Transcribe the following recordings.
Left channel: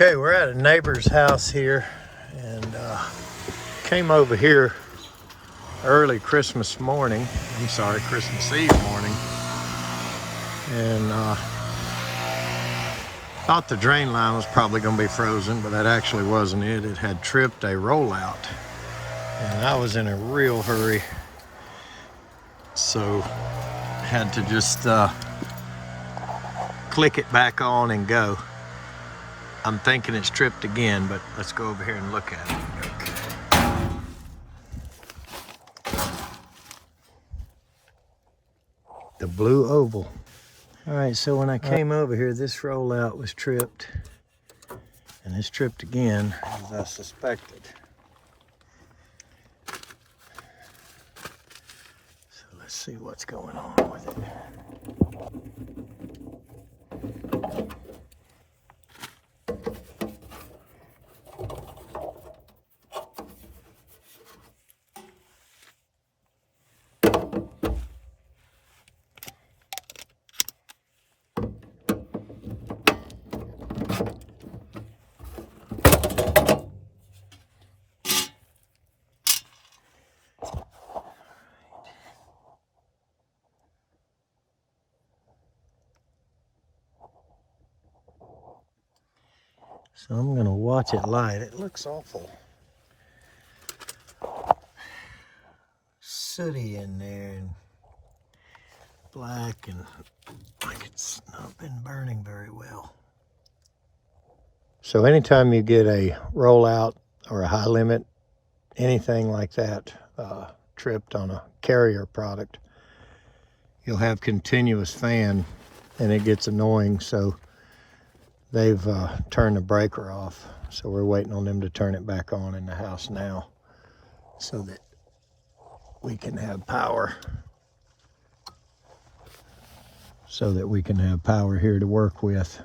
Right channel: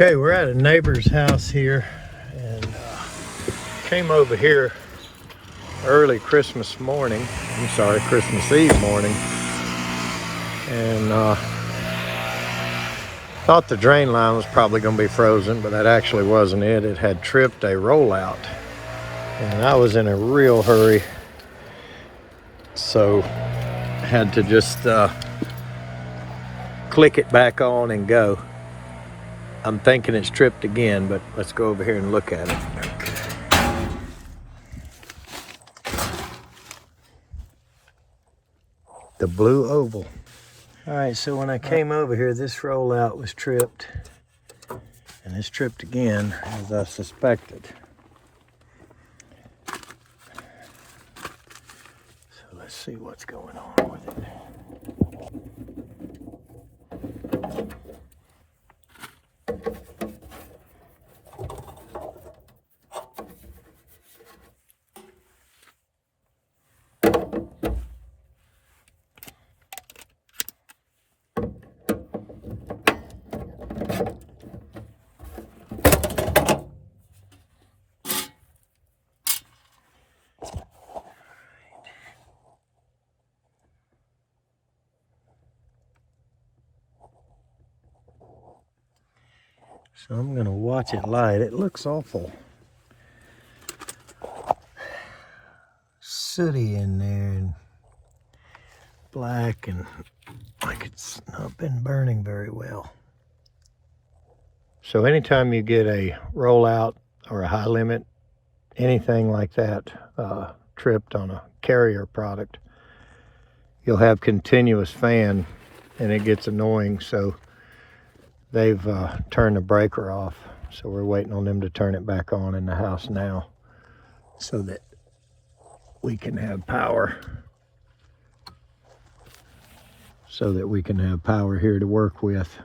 Okay, we're at a neighbor's house here and came over here early Christmas Eve morning, and thought the drain line was probably going to be frozen, but that actually wasn't it. It had tripped a rollout, and I was in a real hurry, so had to just click it back on and go. I'm thinking it's tripped again, but let's go over here and look at it. Okay. The blue oval. All right, so when I came over here, this rollout was tripped, and it's tripped again, as I suspected. So let's see what's going on with it. So I'm gonna watch it light. It looks awful sooty in there and black and like it's not been burning very well. So anytime you get a rollout or a high limit, anything like that tripped on a carrier product, you'll have continuous fan and it gets annoying. So they've turned the breaker off. So we're waiting on them to turn it back on in the house now so that we can have power. Here to work with.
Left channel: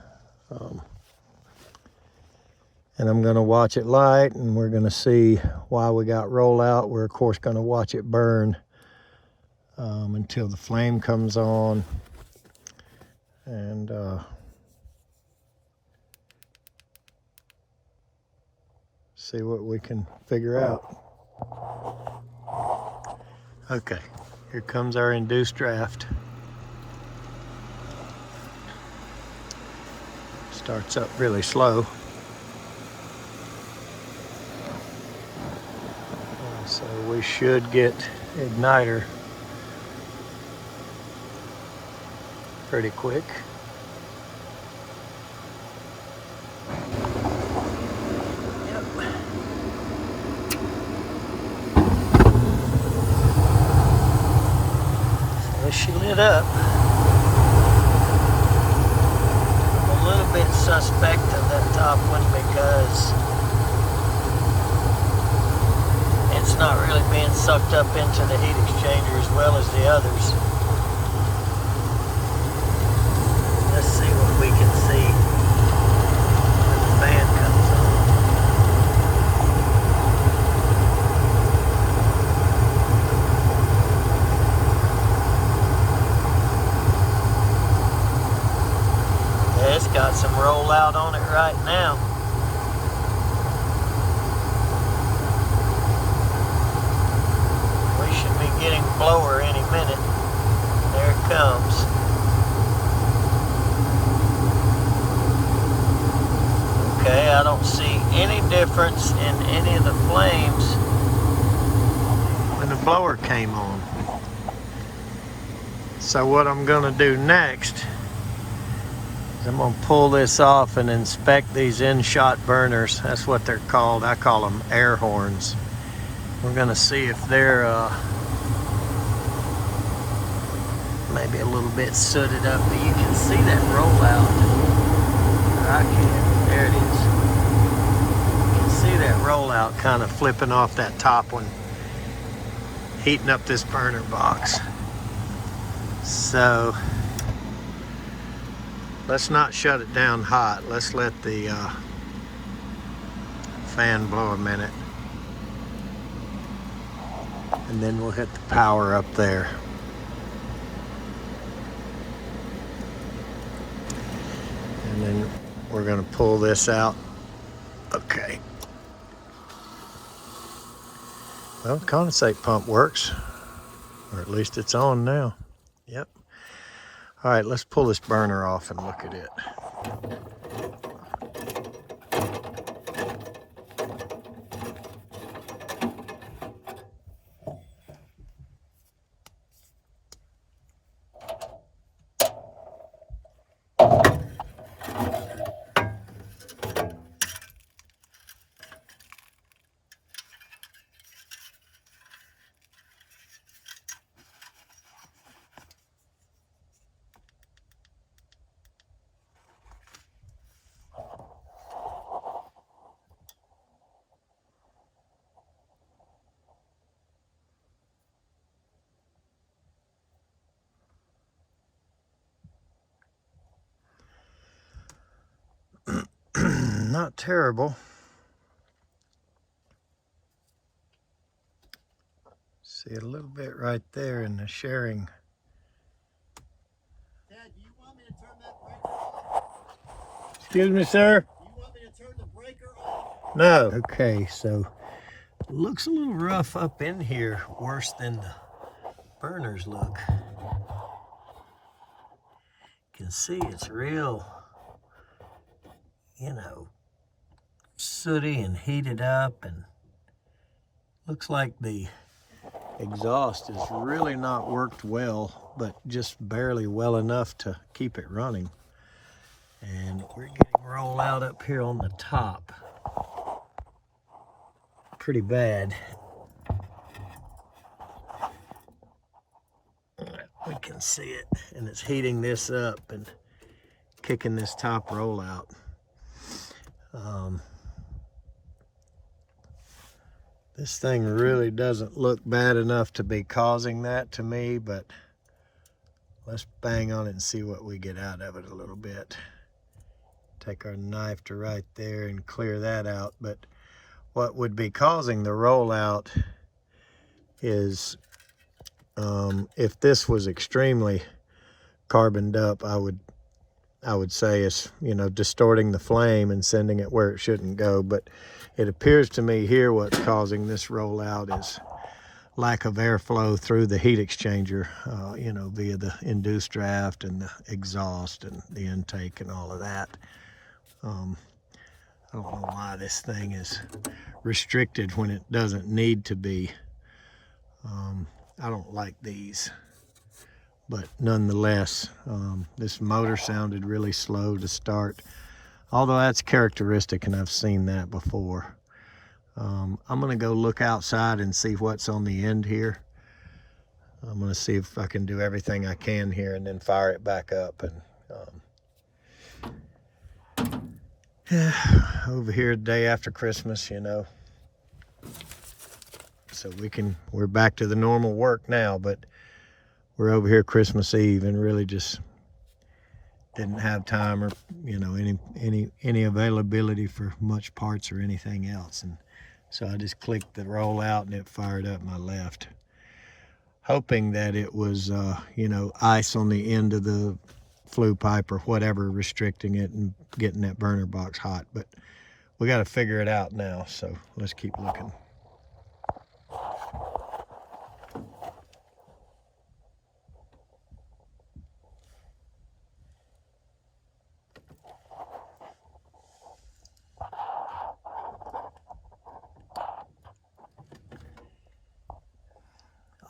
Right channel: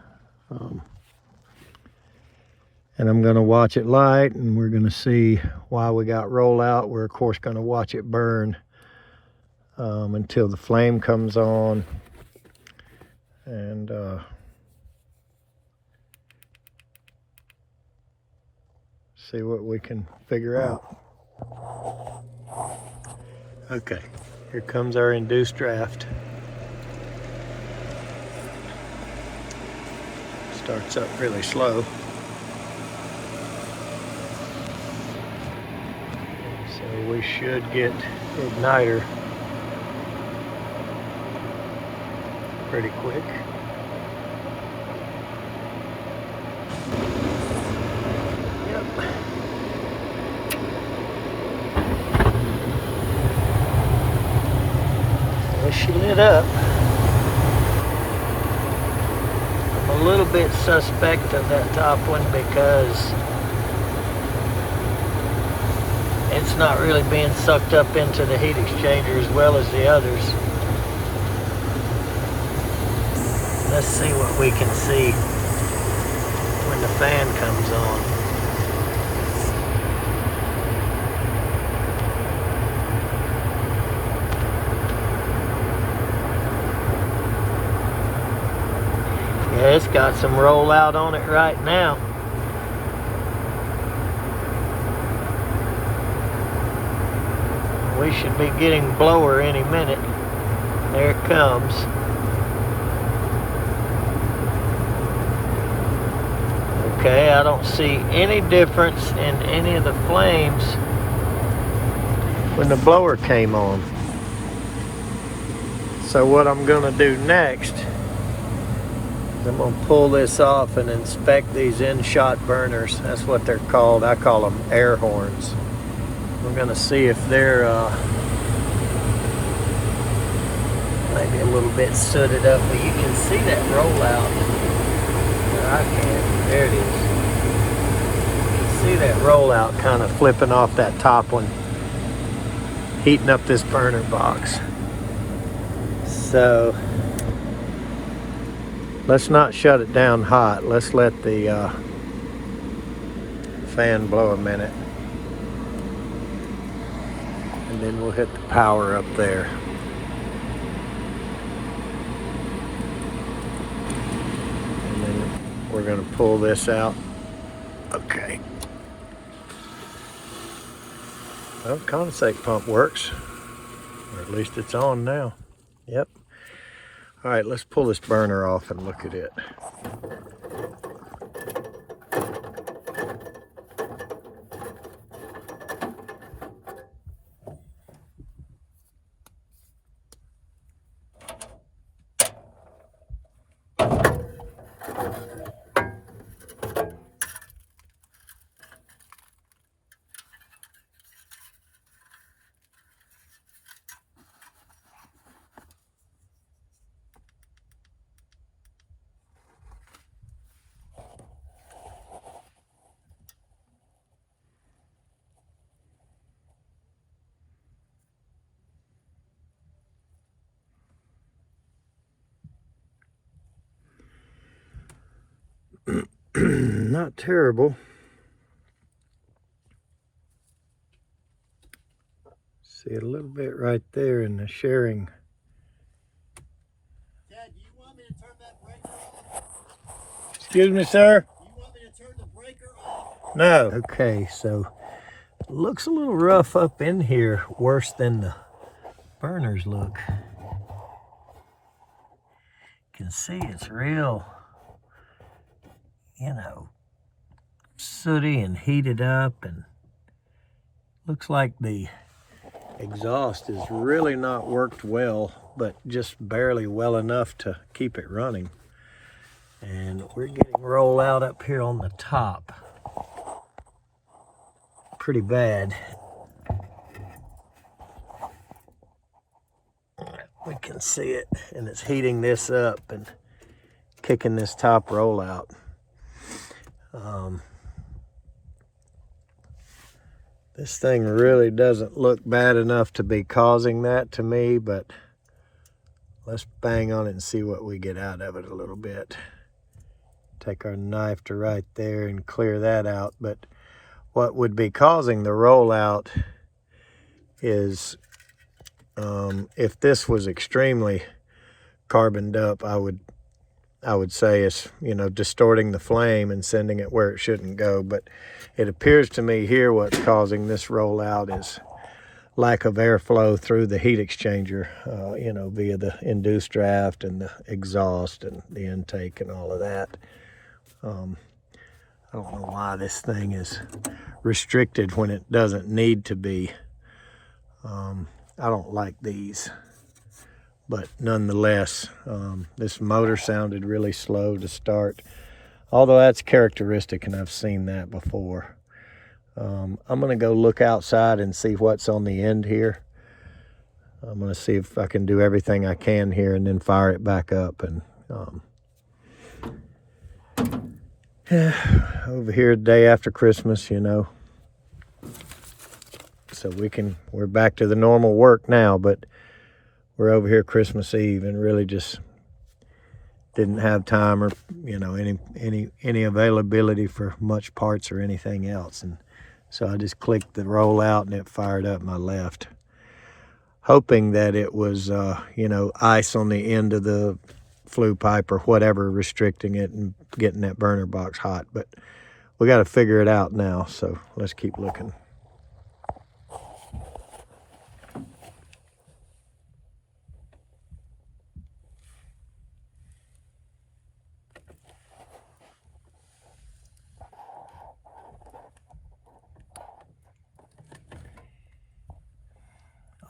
And I'm gonna watch it light and we're gonna see why we got rollout. We're of course gonna watch it burn until the flame comes on. And see what we can figure out. Okay, here comes our induced draft. Starts up really slow. And so we should get igniter pretty quick. Yep. So she lit up. I'm a little bit suspect of that top one because it's not really being sucked up into the heat exchanger as well as the others. Let's see what we can see when the fan comes on. Yeah, it's got some rollout on it right now. We should be getting blower any minute. There it comes. Okay, I don't see any difference in any of the flames when the blower came on. So what I'm gonna do next is I'm gonna pull this off and inspect these in-shot burners. That's what they're called. I call them air horns. We're gonna see if they're maybe a little bit sooted up, but you can see that rollout. I can't. There it is. You can see that rollout kind of flipping off that top one, heating up this burner box. So let's not shut it down hot. Let's let the fan blow a minute. And then we'll hit the power up there. And then we're gonna pull this out Okay. Well, the condensate pump works, or at least it's on now. Yep. All right, let's pull this burner off and look at it. Not terrible. See it a little bit right there in the sharing. Dad, do you want me to turn that breaker off? Excuse me, sir? Do you want me to turn the breaker off? No. Okay, so it looks a little rough up in here, worse than the burners look. You can see it's real, you know, sooty and heated up, and looks like the exhaust is really not worked well, but just barely well enough to keep it running. And we're getting roll out up here on the top pretty bad. We can see it, and it's heating this up and kicking this top roll out. This thing really doesn't look bad enough to be causing that to me, but let's bang on it and see what we get out of it a little bit. Take our knife to right there and clear that out. But what would be causing the rollout is if this was extremely carboned up, I would say it's, you know, distorting the flame and sending it where it shouldn't go. But it appears to me here what's causing this rollout is lack of airflow through the heat exchanger, you know, via the induced draft and the exhaust and the intake and all of that. I don't know why this thing is restricted when it doesn't need to be. I don't like these, but nonetheless, this motor sounded really slow to start, although that's characteristic and I've seen that before. I'm gonna go look outside and see what's on the end here. I'm gonna see if I can do everything I can here and then fire it back up. And over here, the day after Christmas, you know, so we're back to the normal work now, but we're over here Christmas Eve and really just didn't have time or, you know, any availability for much parts or anything else. And so I just clicked the roll out and it fired up and I left, hoping that it was, you know, ice on the end of the flue pipe or whatever restricting it and getting that burner box hot. But we got to figure it out now, so let's keep looking.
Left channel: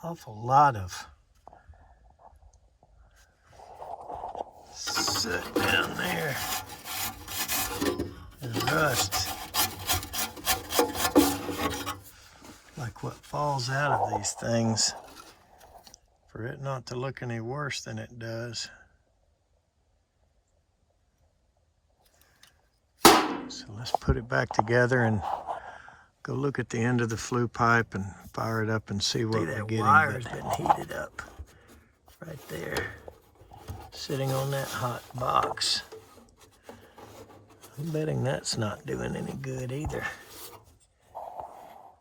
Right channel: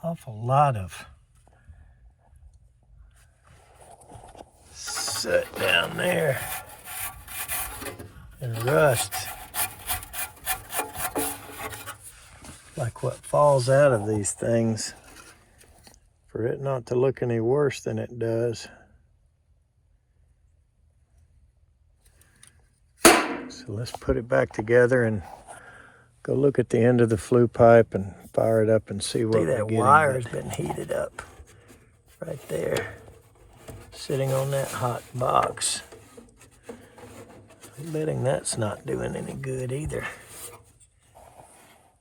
Awful lot of soot down there and rust, like what falls out of these things, for it not to look any worse than it does. So let's put it back together and go look at the end of the flue pipe and fire it up and see what we're getting. That wire's been heated up right there, sitting on that hot box. I'm betting that's not doing any good either.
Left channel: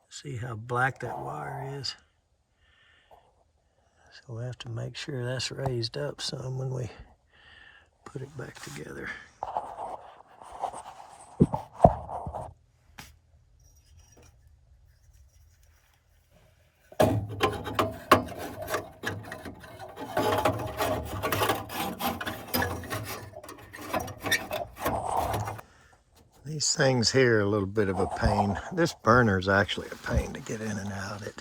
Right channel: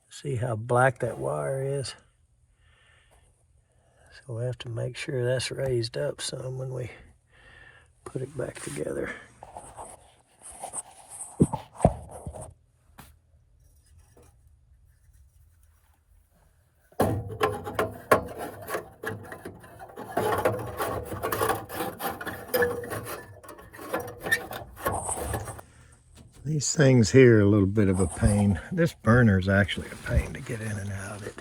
See how black that wire is? So we have to make sure that's raised up some when we put it back together. These things here are a little bit of a pain. This burner is actually a pain to get in and out. It,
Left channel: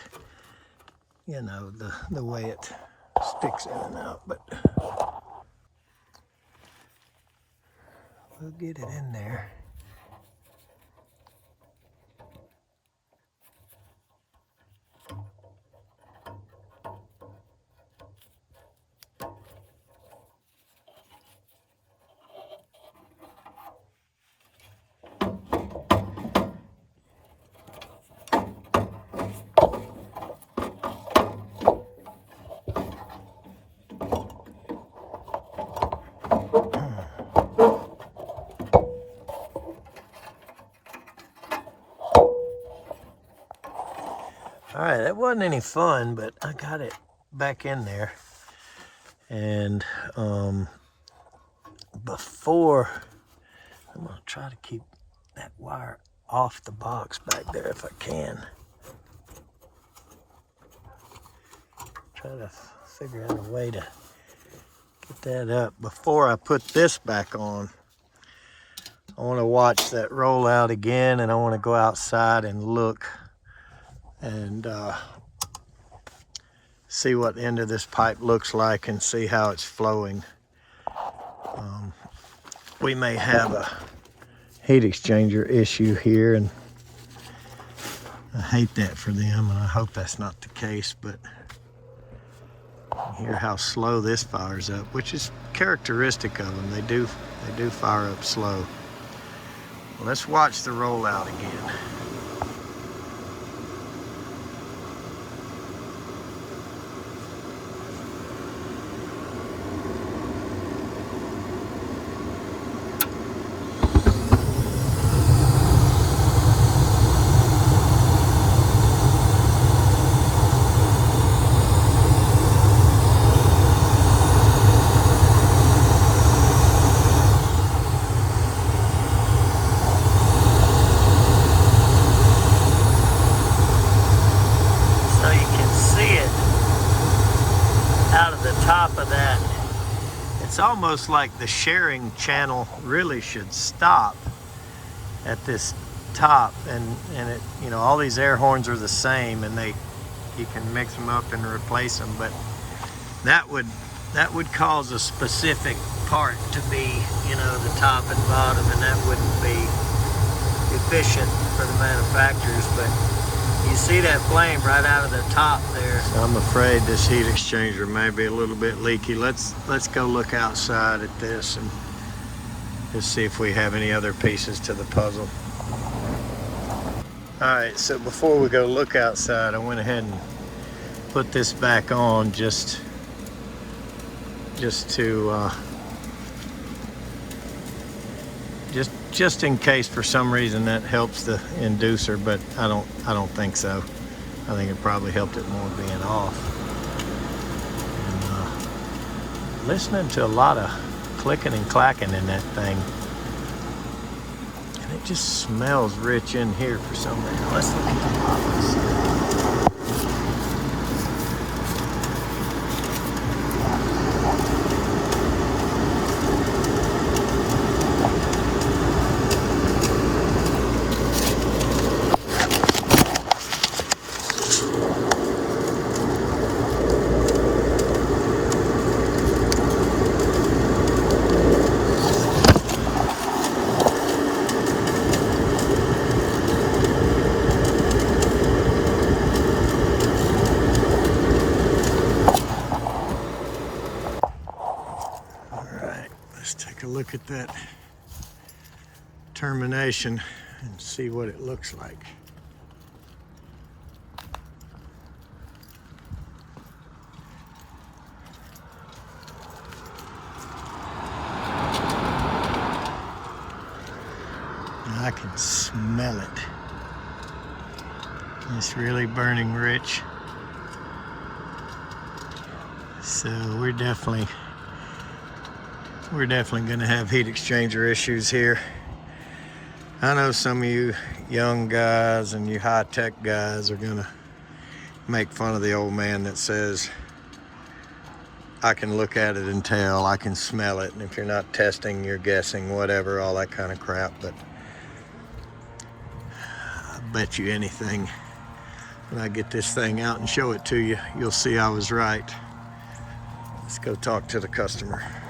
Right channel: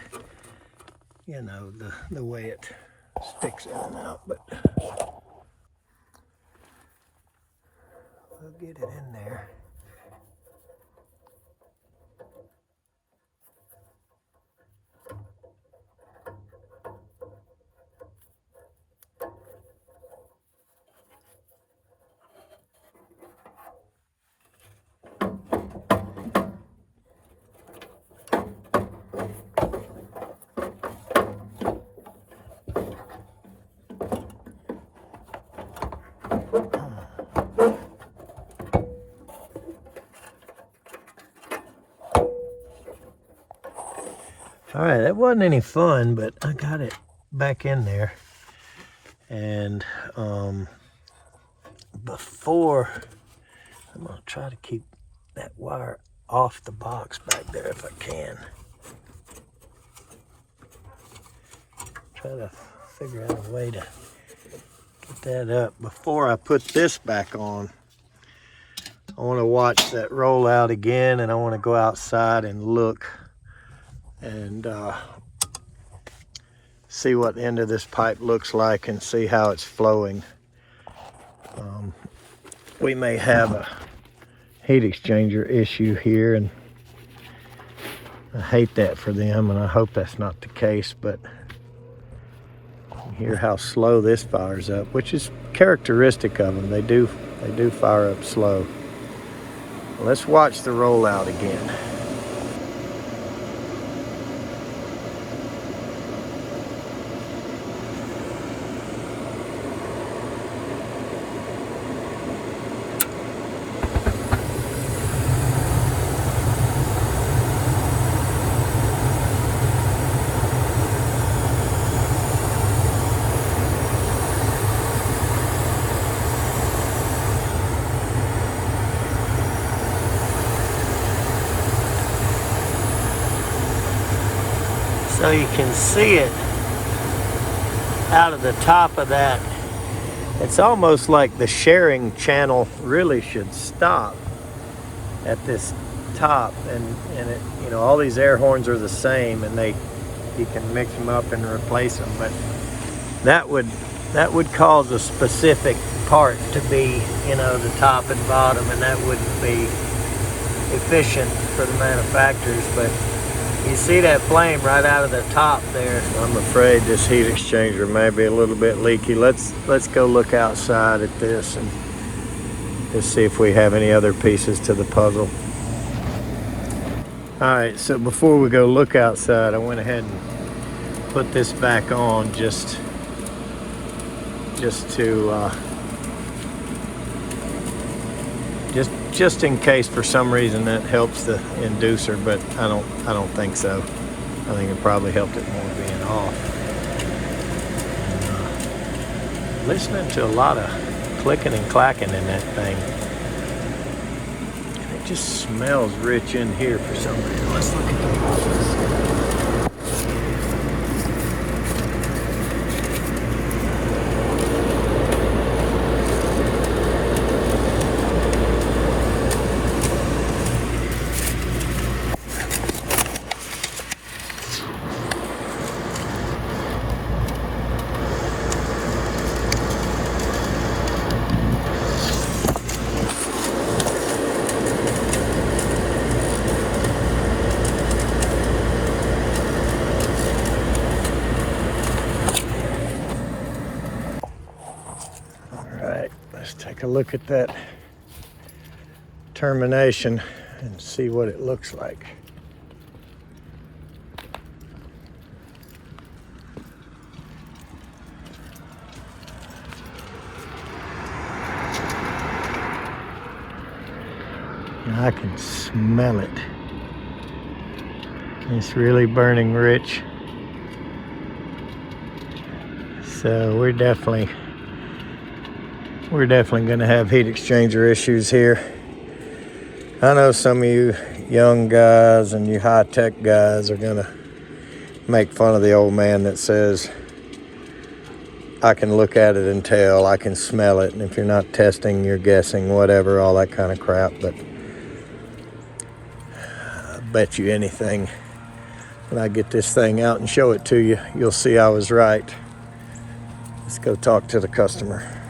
you know, the way it sticks in and out, but we'll get it in there. All right, that wasn't any fun, but I got it back in there. And before, I'm gonna try to keep that wire off the box back there if I can. Try to figure out a way to get that up. Before I put this back on, I wanna watch that roll out again, and I wanna go outside and look and see what the end of this pipe looks like and see how it's flowing. We may have a heat exchanger issue here, and I hate that for them, and I hope that's not the case, but you hear how slow this fires up, which is characteristic of them. They do fire up slow. Let's watch the rollout again. So you can see it out of the top of that. It's almost like the sharing channel really should stop at this top, and it, you know, all these air horns are the same, and you can mix them up and replace them, but that would cause a specific part to be, you know, the top and bottom, and that wouldn't be efficient for the manufacturers. But you see that flame right out of the top there. So I'm afraid this heat exchanger may be a little bit leaky. Let's go look outside at this and just see if we have any other pieces to the puzzle. All right, so before we go look outside, I went ahead and put this back on just in case for some reason that helps the inducer, but I don't think so. I think it probably helped it more being off. And, listening to a lot of clicking and clacking in that thing. And it just smells rich in here for some reason. Let's look at the bottles. Let's take a look at that termination and see what it looks like. I can smell it. It's really burning rich. So we're definitely going to have heat exchanger issues here. I know some of you young guys and you high-tech guys are going to make fun of the old man that says, I can look at it and tell, I can smell it, and if you're not testing, you're guessing, whatever, all that kind of crap. But bet you anything when I get this thing out and show it to you, you'll see I was right. Let's go talk to the customer.